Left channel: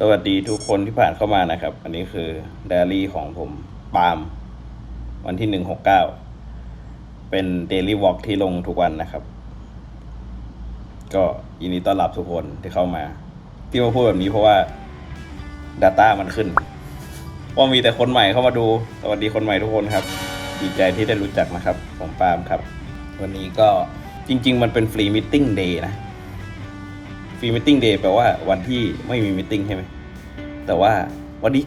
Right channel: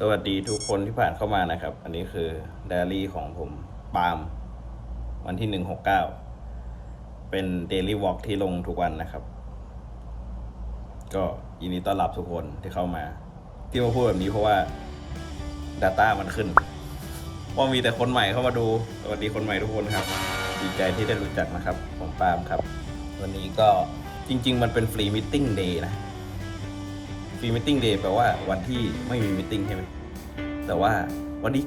สวัสดีทุกคนที่ผ่านเข้ามานะครับ อันนี้คือไดอารี่ของผมปาล์มวันที่หนึ่งหกเก้าเป็นเดลี่วอล์กที่ลงทุกวันนะครับ ก็ยินดีต้อนรับทุกคนที่เข้ามา ที่มาพูดแบบนี้เพราะว่า Data มันขึ้น ว่ามีแต่คนใหม่เข้ามาดู สวัสดีคนใหม่ทุกคนครับ ดีใจที่ได้รู้จักนะครับ ผมปาล์มครับ วันนี้ก็จริง ๆ มันเป็นฟรีมิทติ้งเดย์นะ ฟรีมิทติ้งเดย์แปลว่าวันที่ไม่มีมิทติ้งใช่ไหมแต่ว่าวันนี้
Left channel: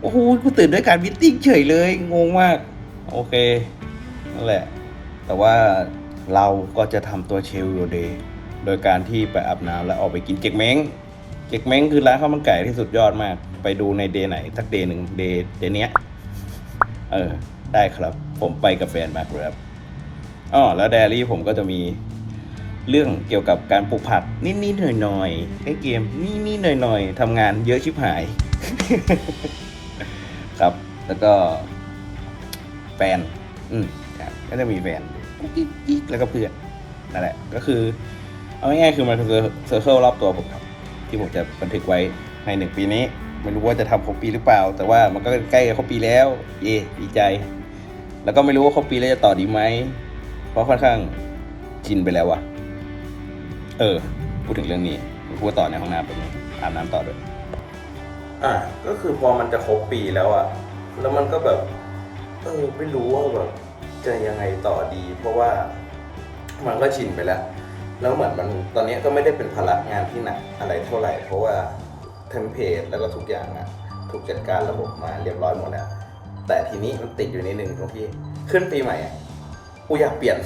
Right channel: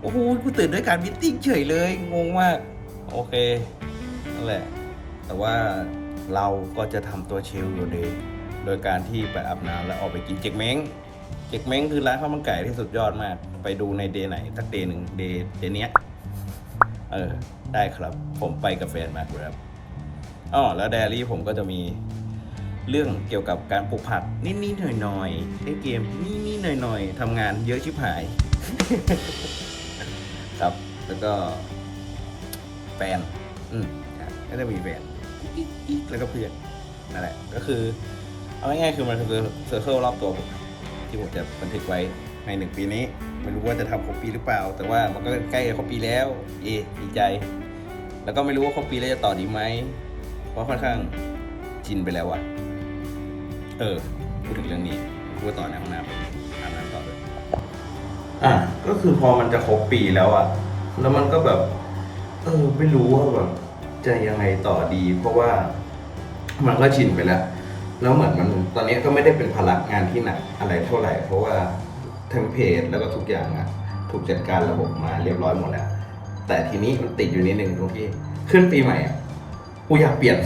โอ้โหกูตื่นด้วยการมิทติ้งเฉยเลย งงมาก โอเค นั่นแหละ แต่ว่าเราก็จะทำตัวเชลอยู่เดย์โดยการที่ไปอาบน้ำแล้วออกไปกินเจ๊กเม้งเจ๊กเม้งคือร้านข้าวมันไก่ที่สุดยอดมาก ไปดูในเดย์ไหนสักเดย์หนึ่งเดย์เดย์เนี้ย เออ ได้ครับ ผมไปกับแฟนมาครับอ๋อแล้วไดอารี่ผมก็จะมี เรื่องเกี่ยวกับการปลูกผักนิดๆหน่อยๆเล่นเกมนิดๆหน่อยๆทำงานเยอะชิบหาย ครับแล้วก็แฟนอืมครับก็จะมีแฟนแล้วก็เพื่อนนั่นแหละ ก็คือ เอาง่ายๆคือมันคือเซอร์เคิลรอบตัวผมครับที่ผมจะบันทึกไว้ในหนึ่งปีนี้ไม่รู้ว่าจะทำครบปีหรือเปล่า แต่ว่ามันก็ใกล้ครบปีแล้ว เย่ดีใจ แล้วก็ไม่รู้ว่าครบปีแล้วจะต่อดีไหมเพราะค่อนข้างชินไปแล้วอะ เออ พูดถึงเรื่องนี้พูดต่อในห้องน้ำเป็นอาบน้ำต่อด้วยอะก็คือพอมันจะครบปีแล้วอะแล้วมันก็แบบ เออไม่รู้ว่าแบบจะยังไงต่อดี เพราะว่ามันก็ชินไปแล้ว แล้วเหมือนมันตอนนี้ก็ไม่ได้เป็นภาระงานที่หนักอะไรเท่าไหร่ เพราะว่าเทมเพลตแล้วก็ทุกอย่างอะถูกจัดการระบบมาเรียบร้อยหมดแล้วแต่ทีนี้มันติดอยู่นิดนึงตรงที่ขึ้นปีใหม่อะกูอยากเปลี่ยน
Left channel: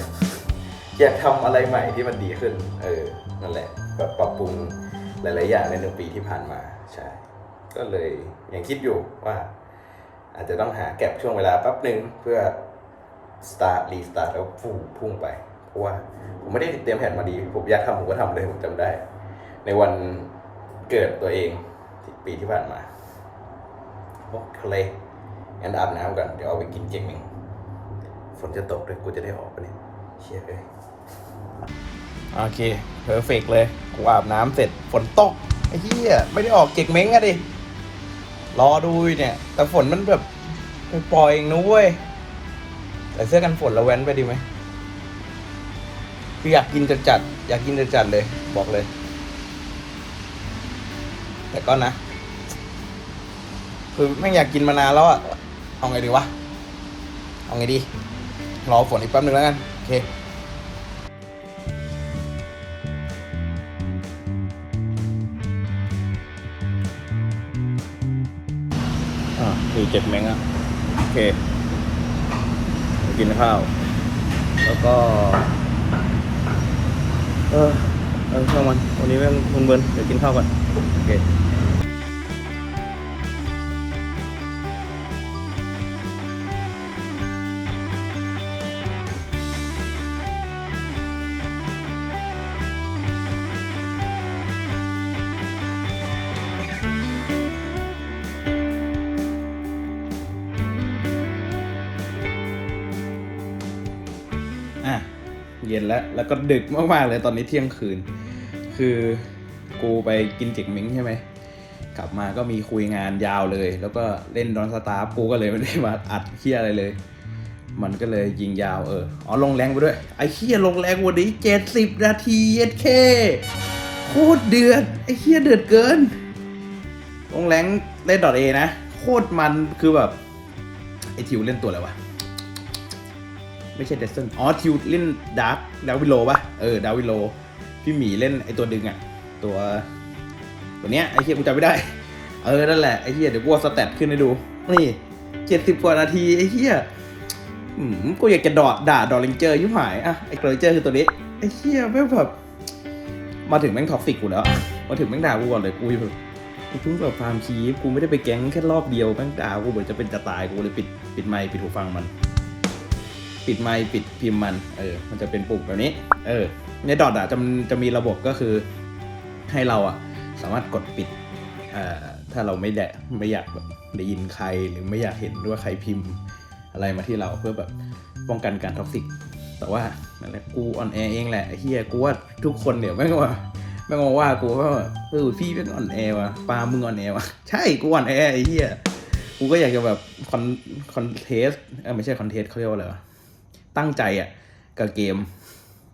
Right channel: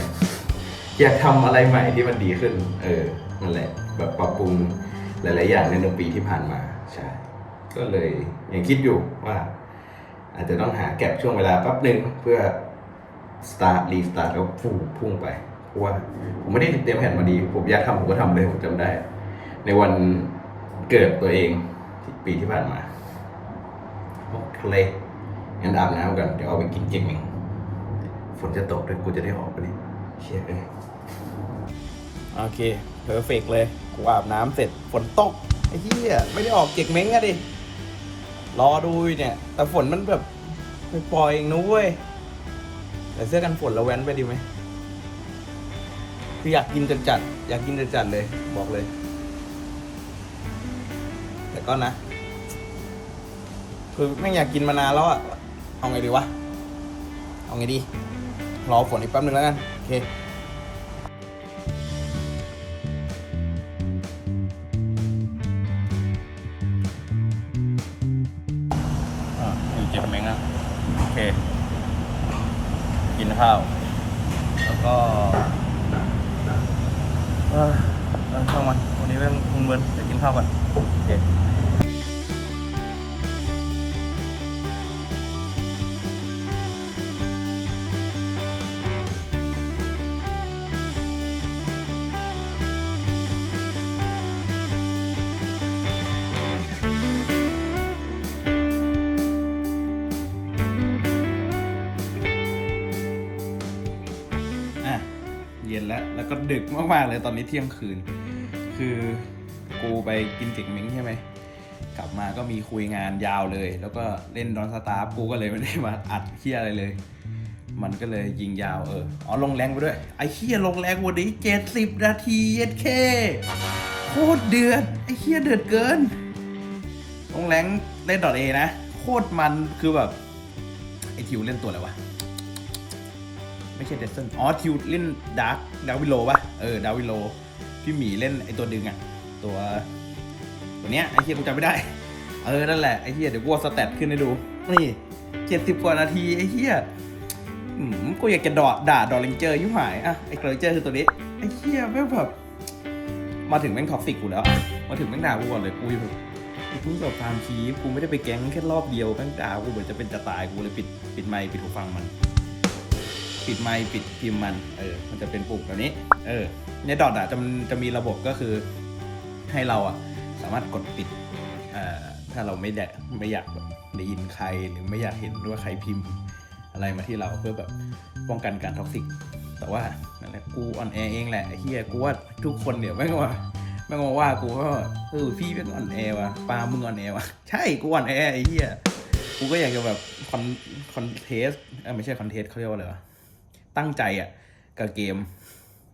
อยากทำอะไรใหม่ที่มันดีขึ้น เออนั่นแหละแบบปรับปรุงหลาย ๆ อย่างในหนึ่งปีที่ผ่านมาใช่ก็เลยยังคิดอยู่ว่า อาจจะต้องหาแก็บช่วงเวลาแป๊บหนึ่งเพื่อ start restart แล้วพุ่งพุ่งไปเพราะว่าผมไม่ได้เตรียมแผนมาดี ผมอยากทำผมก็ทำเลยผมจำได้ ในวันเกิดตัวเองปีที่ผ่านมาโอ้ทะเลงั้นอาบน้ำกัน เดี๋ยวเอาไปกินเจมิงฝนจะตกด้วยกูจะได้ออกไปนี่ เชี่ยเลยโอเคเพอร์เฟกเลย กูอาบน้ำเสร็จฝนตก ไอ้เหี้ย ไม่ได้ออกเก็กเม้งอะดิ รอดูเนี่ย แต่ฝนมันแบบเป็นปล่อยเองนะเว้ยแต่เสื้อกันฝนแล้วแว้นไปดีไหมคืออยากกินจัดจัด อยากกินจัดจัดเลย บอกเลย แต่ก็นะ คือไม่อยากกินมานานแล้วอะเอาไงดีวะ เอาไงดี รอฝนอีกแป๊บนึงแล้วกัน เคอ่าอยู่เจ็ดเม้งอะโอเคไปกินข้าว แล้วก็ เออเออช่างมัน วันนี้แม่งมึนเบินเดี๋ยวกินข้าวก่อนโอเค แล้ว แล้วก็ดึกมากๆเลยตอนนี้เที่ยงคืน คือกูไปกินเจ็กเม้งใช่ไหมกลับมาก็มีคุยงานยาวเลย แล้วก็เล่นดอนสตาร์กูก็เลยไม่ได้มาอัดเคียอะไรเลย มันก็เลยยิงยาวเอออ๋อลงแรงไปด้วย ไอ้เคียลงแรงวันนี้เจ็ดสิบนาทีเย็ดเคโคตรเดือดไอ้เคียเดือดเกิน ลงแรงเล่นดอทเอนะ โคตรมันคือแบบไอ้ทิวเล่นตัวอะไรวะ ไม่ใช่เดซเซนอ๋อทิวเล่นดาร์กดาวิโลป่ะเออดาวิโลพี่หมีเล่นไอตัวดึงอะตัวตัวเนี้ยไอเฮียกูจำไม่ได้ เออนั่นแหละไอเฮียเดี๋ยวกูเอาสแตทขึ้นให้ดูนี่เจ็ดสิบกว่านาทีไอเฮียอืมกูอยากจะดอดด่าดอลลิงเจอร์ยิ่งหายอะไอดอลลิงเจอร์คือตัวนี้ไอเฮียแม่งแบบมาถึงแม่งท็อกซิกกูแล้วมาถึงแม่งด่ากูก่อนเลยกูแบบกูเพิ่งแบบฟาร์มชีฟกูไม่ได้ไปแก๊งแค่รอบเดียวแม่งด่ากูเหมือนจะเป็นจะตายกูเลยปิดปิดไมค์ปิดหูฟังมัน ปิดไมค์ปิดพิมพ์มัน เออ มันจะเป็นปุ่มแบบนี้ เออ ในดอทอะจะจะมีระบบก็คือให้เราอะสามารถกดปิดอ่อถ้าเราไม่ได้ไม่อยากได้ยินใครหรือไม่อยากเห็นด้วยใครพิมพ์ อะไรมาที่เราเพื่อแบบป้องกันการท็อกซิก แต่ว่านั่นแหละกูออนแอร์เองแหละเฮียกูว่าทุกคนเนี่ยไม่ว่าแม่มาว่ากูว่าเออพี่เป็นอ่อนแอว่ะปามึงอ่อนแอว่ะใช่กูอ่อนแอไอ้เหี้ยกูก็อยากจะแบบคอนคอนเทสเออไม่ใช่คอนเทสเขาเรียกว่าอะไรวะ ตั้งใจอะกับเกม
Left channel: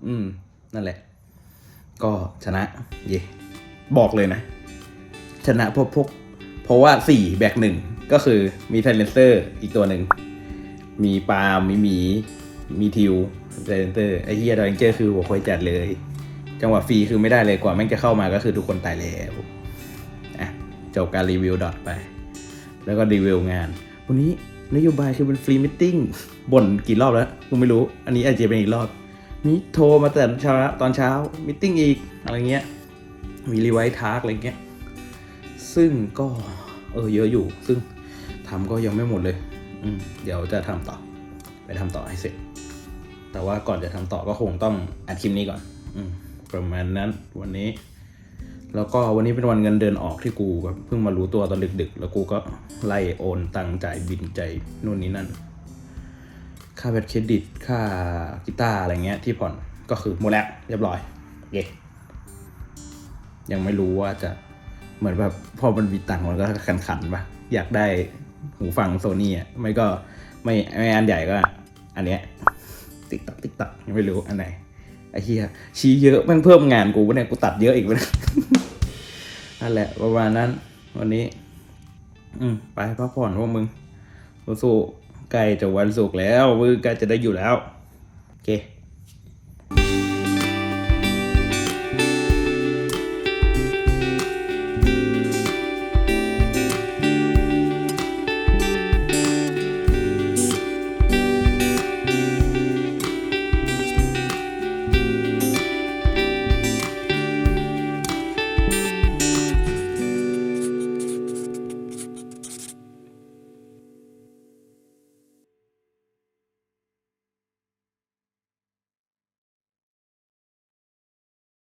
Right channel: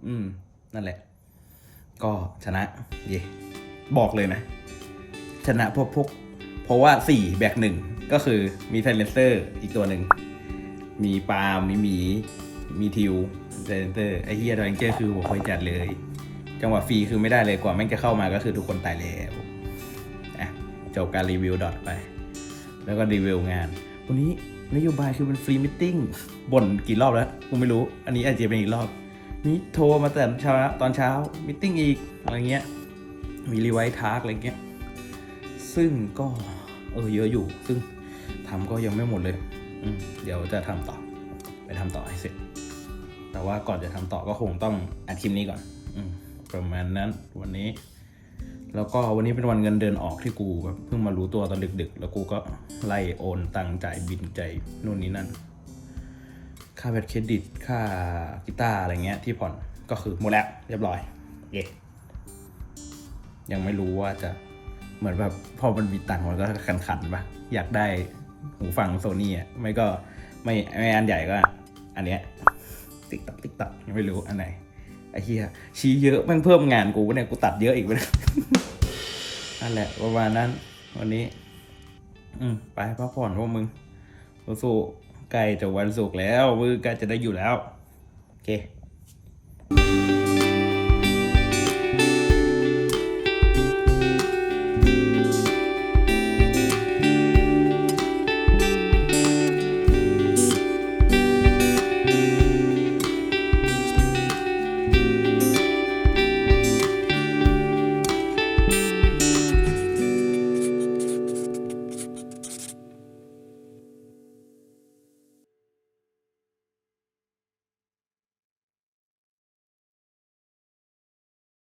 อืม นั่นแหละ ก็ชนะ เย่บอกเลยนะ ชนะพวกพวกเพราะว่าสี่แบกหนึ่งก็คือมีไซเลนเซอร์อีกตัวหนึ่ง มีปาล์มมีหมี มีทิวไซเลนเซอร์ไอเฮียดอยเจอร์คือหัวคอยจัดเลย จังหวะฟรีคือไม่ได้เลยกว่าแม่งจะเข้ามาก็คือทุกคนตายแล้วอะจบการรีวิวดอทไป แล้วก็รีวิวงานวันนี้ นโยบายคือเป็นฟรีมิทติ้งบ่นกี่รอบแล้วกูไม่รู้ อันนี้อาจจะเป็นอีกรอบ นี่โทรมาแต่เช้าตอนเช้ามิทติ้งอีกอะไรเงี้ย มีรีไวท์ทาร์กอะไรเงี้ย ซึ่งก็เออเยอะอยู่ ซึ่งทำก็ยังไม่หมดเลย เดี๋ยวจะทำต่อ ไปทำต่อให้เสร็จ แต่ว่าก่อนจะทำต่อก็คงต้องอัดคลิปนี้ก่อนอประมาณนั้นวันนี้ แล้วก็วันนี้เป็นวันเงินเดือนออกที่กูแบบเพิ่งมารู้ตัวตอนดึกๆ แล้วกูก็ไล่โอนตังค์จ่ายบินใจนู่นนี่นั่น ค่าแบตเครดิตค่ากีตาร์อะไรเงี้ยที่ผ่อนก็คือหมดแล้วเรียบร้อย เย่ยังไม่รู้ว่าจะเหมือนแบบพอมันมีตังค์มันก็ขันขันๆปะอยากได้หูฟังโซนี่อะไม่ก็ไม่ไม่อันใหญ่ก็ อันเนี้ยติ๊กตักติ๊กตักยังไม่รู้อันไหน ไอ้เหี้ยชี้เยอะแม่งเพิ่มงานกูเนี่ยกูตัดเยอะอีกไปนะนั่นแหละประมาณนั้น วันนี้ อืมไปพักผ่อนพวกมึงสู้ๆใกล้จะวันศุกร์แล้วมือใกล้จะได้อยู่แล้ว โอเค